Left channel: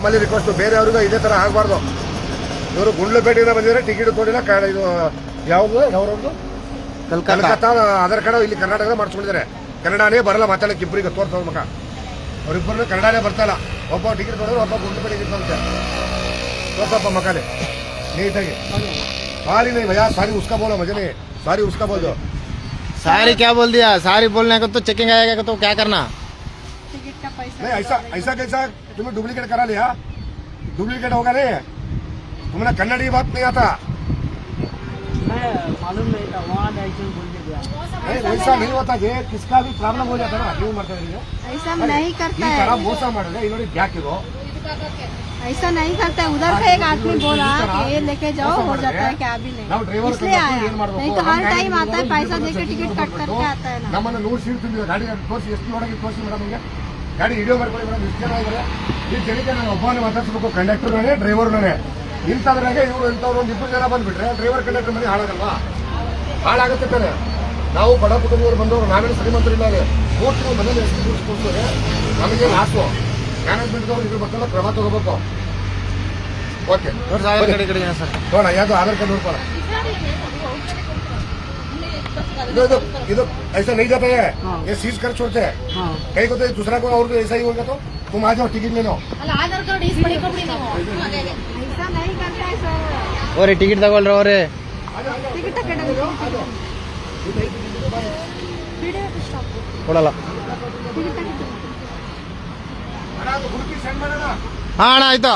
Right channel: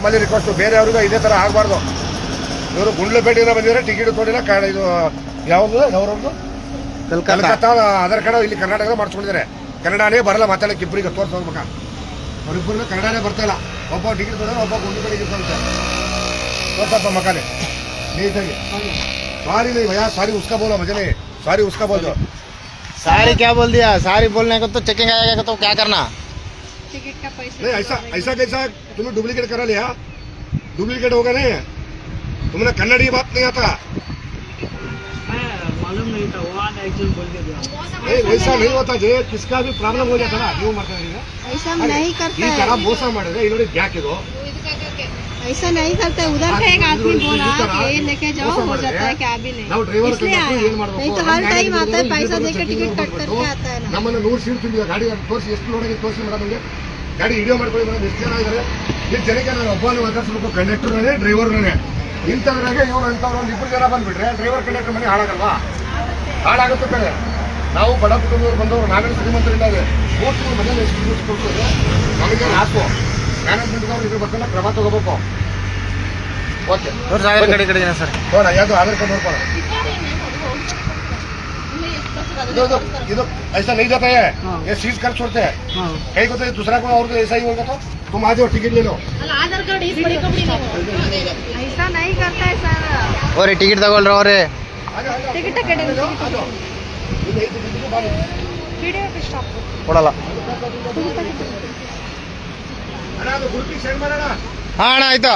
ನಮ್ಮಲ್ಲಿ ರಿಕ್ವೆಸ್ಟ್ ಬೇರೆಯವ್ರಿಗೂ ಇದೇ ತರ ಆಗಬಾರ್ದು. ಇವರು ಗುಂಡ್ಲುಪೇಟೆಯಿಂದ ಬಂದಿದ್ರೆ ಟಿಕೆಟ್ ತೋಡಿಲ್ಲ. ಇದು ಯಾವ್ರವ್ರದ್ದು ಕಲ್ಕತ್ತಾ ಆಧಾರ್ ಕಾರ್ಡ್ ಇಲ್ಲಿ ಕರ್ನಾಟಕದ ಮಾಡಿಸ್ಕೊಂಡಿದ್ದಾರೆ. ಕನ್ನಡನೇ ಬರಲ್ಲ ಮಾತಾಡಕ್ಕೆ ಇಬ್ಬರಿಗೆ ತೋರ್ಸೋದ್ ಮಗ. ಅವ್ರಿಬ್ಬರನ್ನ ಕನ್ನಡನೇ ಬರ್ತಾ ಇಲ್ಲ. ಒಬ್ಬ ಟಿಕೆಟ್ ತೋಡಿದ್ರೆ ಒಬ್ಬ ಗುಂಡ್ಲುಪೇಟೆಗೆ ತೋರುತ್ತೆ. ತೋರ್ಸಪ್ಪ ಮಕಾನೆ ನೀಟಾಗಿ. सारी नहीं भैया, सारी उसका बोलो, मुझे नहीं, सारी उसका बोल दो. सारी क्या बोल दिया? सारी बोलने का तो चेकिंग आएगा तो क्या करना? टिकट का पैसा नहीं ऐसा कैसा तुमने डुप्लीकेट करा लिया? डुप्लीकेट होगा नहीं, तुमने कन्नड़ी बात नहीं आता. मैं मालूम नहीं था, वहाँ चीज बोल के दिया. नहीं वैसा नहीं होता जे, किसका भी प्रॉब्लम हो जाता ना. ನೀವು ಮಾಡ್ತಾ ऐसा नहीं करता ಈ है. ತರ ಮೋಸ ಮಾಡಿದ್ರೆ ಈ ನೋಡಿ ಬ್ಯಾಕಿದು ऐसा नहीं करता है. उधर से एक आदमी बोला कि ये लेके जाओ, हो जाता है क्या भी नहीं, इसलिए आया. नहीं तो हर टाइम आता है, पैसा देके टिकट कट करके आता है ना. ನಮ್ಮನ್ನ 100 ಸೀಟ್ ತುಂಬಿದೆ ಗಾಡಿ. ತೋರಿಸಿ ಎಷ್ಟು ಒಳಗೆ ತೋರಿಸಿ ಮೇಡಮ್. ನಿಮಗೆ ಗಾಡಿ ವಿಡಿಯೋ ಮಾಡ್ಕೊಳ್ಳಿ ಮೇಡಮ್. ಎಷ್ಟು ಜನ ಇದ್ದಾರೆ ಈ ಜನಕ್ಕೆ. ನಾನು ಒಬ್ಬನೇ ಮಾತಾಡ್ಸ್ಬೇಕು, ಕಂಡಕ್ಟರ್ನೇ ಡ್ರೈವರ್ನೇ. ಇಂಥವ್ರಿಗೆ ಇವರು ಇಂಥವ್ರು ಒಂದು 2 ಜನ ಬಂದ್ಬಿಟ್ರೆ ಡ್ರೈವರ್ ಕಂಡಕ್ಟರ್ ಮನೆ ಹಾಳಾಗಲ್ವಾ? ಹಾಳಾಗುತ್ತೆ ಬೇರೆ. ನಾವು ಬಡ ಕುಟುಂಬದವರು ಬಂದವರು, ನಾವೇನು ಶ್ರೀಮಂತರಿಲ್ಲ. ಹೋಗ್ತೀವಿ ಮೊದಲು ಎಷ್ಟು ಕೊಡ್ತೇವೆ ನಮಗೆ ಲಾಸು. ಮ್ಯಾನೇಜ್ಮೆಂಟ್ದವ್ರು ಇದ್ರ ಬಗ್ಗೆ ಕ್ರಮ ತಗೋಬೇಕು. ಓಕೆ ಸರ್ ನೋಡ ಯಾವ್ದು ಆಧಾರ್ ಕಾರ್ಡ್ ನೋಡ್ಕೊಳ್ಳ. ಇದು ऐसा नहीं जाता है, ये सीज कर छोड़ते हैं. कहीं को तो दूसरा को और ऐसा ही होगा तो तुम आ जाओ टिकट ले लो. ऐसा नहीं करता है सर. और टिकट तಗೊಳ್ರಿ ಅವರೇ. टिकट वीडियो पे स्टॉप ಕೊಡಲ್ಲ. ಅಣ್ಣ ಗ್ರೂಪಿಗೆ ಸೆಂಡ್ ಮಾಡೋಣ. ಹಾ ಅಣ್ಣ ಆಯ್ತು.